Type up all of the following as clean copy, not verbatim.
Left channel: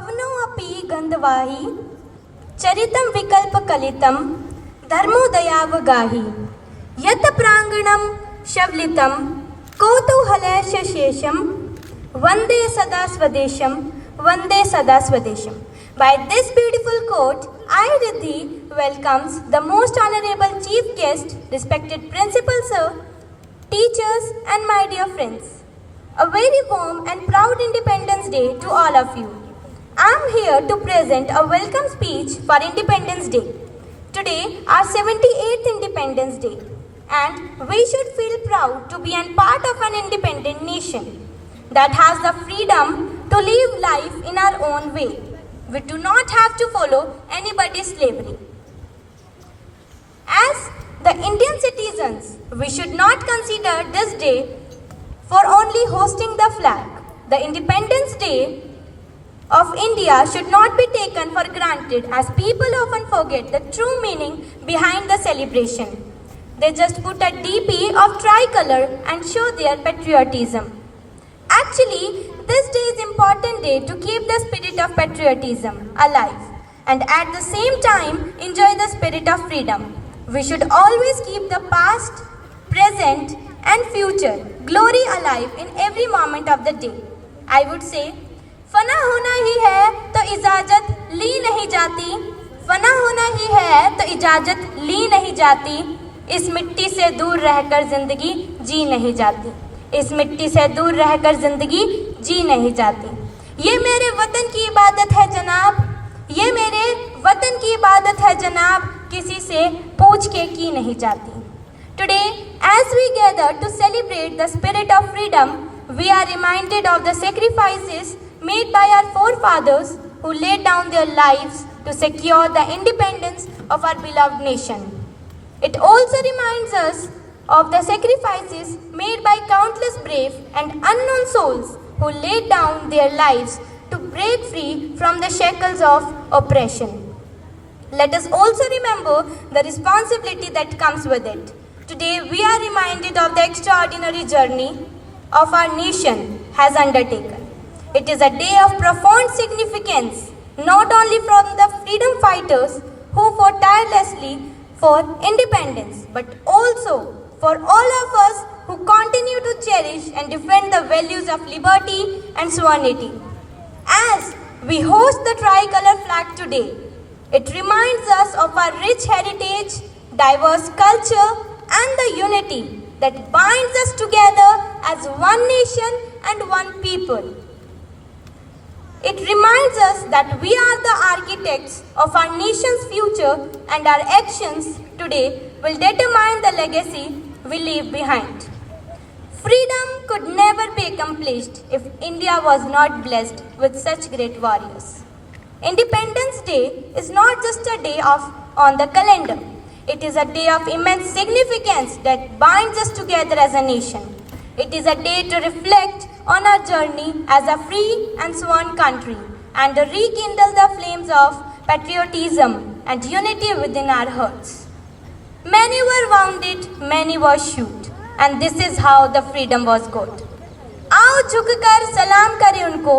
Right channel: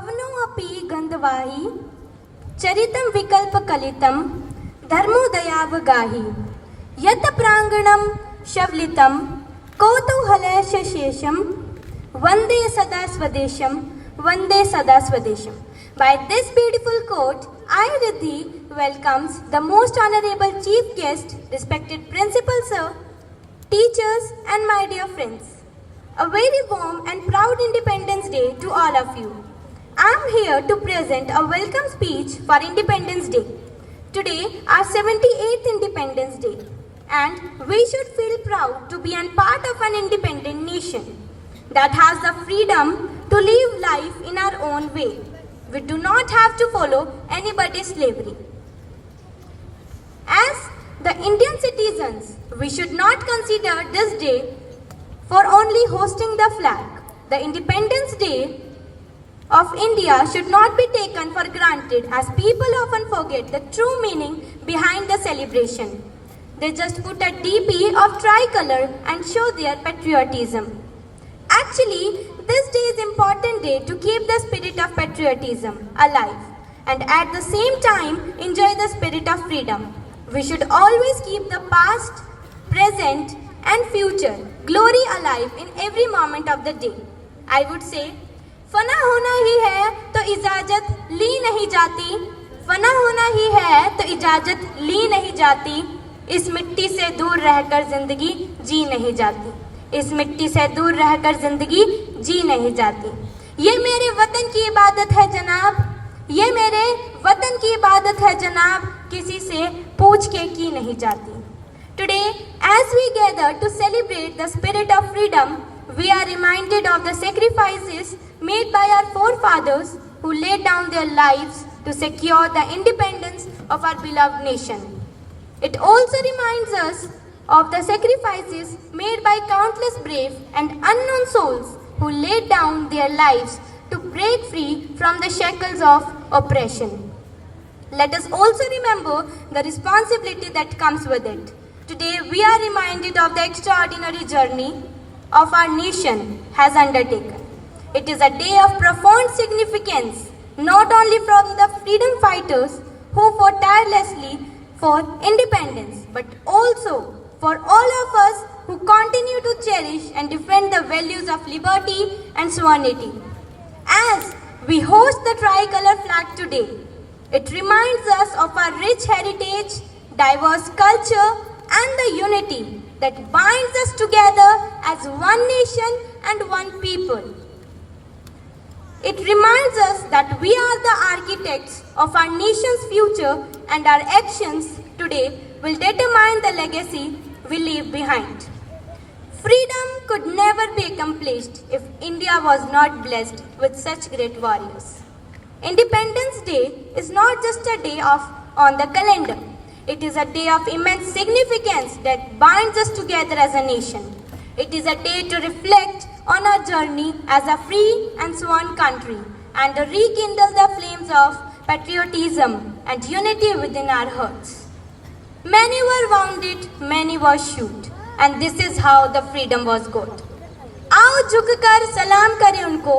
पवनोऽपि गन्धवाहि चरितं विकल्पकलितं धर्मोदयावगाहि यत् प्राङ्गणं शवलितं कौतूहलशेषं वन्दे सदा स्वदेशं वन्दे सदा स्वदेशं. By this beautiful quote, I, Riddhi, welcomes the most honorable chief guest, respected principal sir, teachers and my dear friends. A very warm and proud Independence Day to all of you. I am here to present a welcome speech for Independence Day. Today, our 78th Independence Day, and we should feel proud to be a part of an independent nation that has the freedom to live life in our own way. We do not have to follow anybody's slavery. As the Indian citizens, we should not consider this day for only hosting the flag. The Independence Day of India should not be taken for granted, as people often forget the true meaning behind the celebration. They just put a DP of tricolor and show their patriotism. Actually, this day is an important day to keep the spirit of patriotism alive and at the same time enjoy the spirit of freedom. We should always keep the past, present and future glory alive in every moment of the day. I would say, फना होना ही है तो इजाजत ली नहीं जाती, फना होना ही है तो इजाजत ली नहीं जाती, इस मिट्टी से दूर रहकर जिंदगी जी नहीं जाती, इस मिट्टी से दूर रहकर जिंदगी जी नहीं जाती. ये मेरे वतन की इबादत है जनाब, ये मेरे वतन की इबादत है जनाब, किसी से पूछ के की नहीं जाती. Today, as we gather to celebrate the spirit of freedom, we are reminded of the sacrifices made by our forefathers who laid down their lives to secure the independence of our beloved nation. It also reminds us of the sacrifices made by countless brave and unknown souls who laid down their lives to break free from the shackles of oppression. Let us also remember the responsibility that comes with it. Today we are reminded of the extraordinary journey of our nation has undertaken. It is a day of profound significance, not only from the freedom fighters who fought tirelessly for independence, but also for all of us who continue to cherish and defend the values of liberty and sovereignty. As we host the tricolor flag today, it reminds us of our rich heritage, diverse culture, and the unity that binds us together as one nation and one people. It reminds us that we are the architects of our nation's future, and our actions today will determine the legacy we leave behind. Freedom could never be accomplished if India was not blessed with such great warriors. Independence Day is not just a day on the calendar. It is a day of immense significance that binds us together as a nation. It is a day to reflect on our journey as a free and sworn country and to rekindle the flames of patriotism and unity within our hearts. Many were wounded, many were shot, and this is how the freedom was got. आओ झुककर सलाम करें उनको,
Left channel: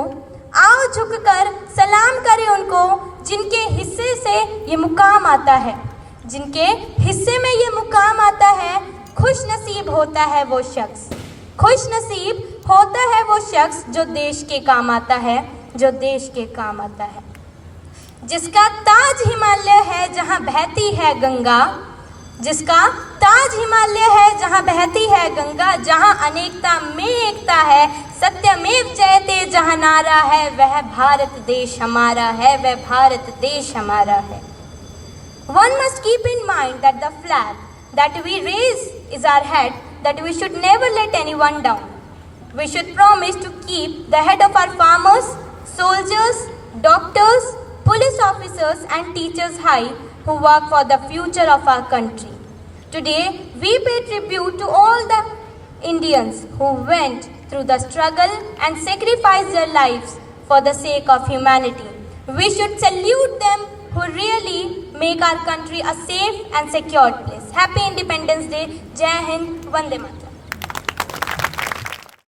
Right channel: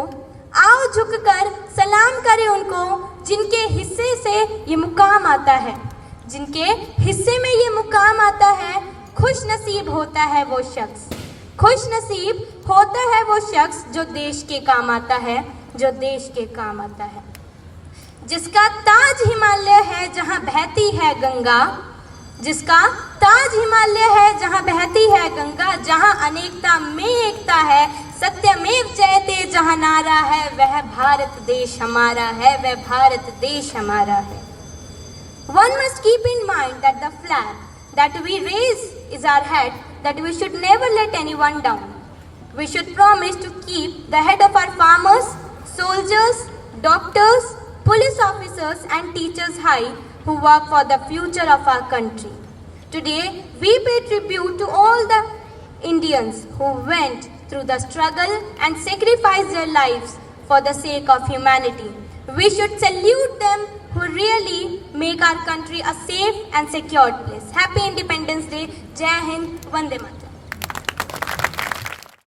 आओ झुककर सलाम करें उनको, जिनके हिस्से से ये मुकाम आता है, जिनके हिस्से में ये मुकाम आता है. खुश नसीब होता है वो शख्स, खुश नसीब होता है वो शख्स जो देश के काम आता है, जो देश के काम आता है. जिसका ताज हिमालय है जहाँ बहती है गंगा, जिसका ताज हिमालय है जहाँ बहती है गंगा, जहाँ अनेकता में एकता है, सत्यमेव जयते जहाँ नारा है, वह भारत देश हमारा है, वह भारत देश हमारा है. One must keep in mind that the flag that we raise is our head, that we should never let anyone down. We should promise to keep the head of our farmers, soldiers, doctors, police officers and teachers high who work for the future of our country. Today, we pay tribute to all the Indians who went through the struggle and sacrificed their lives for the sake of humanity. We should salute them who really make our country a safe and secure place. Happy Independence Day. Jai Hind. Vande Mataram.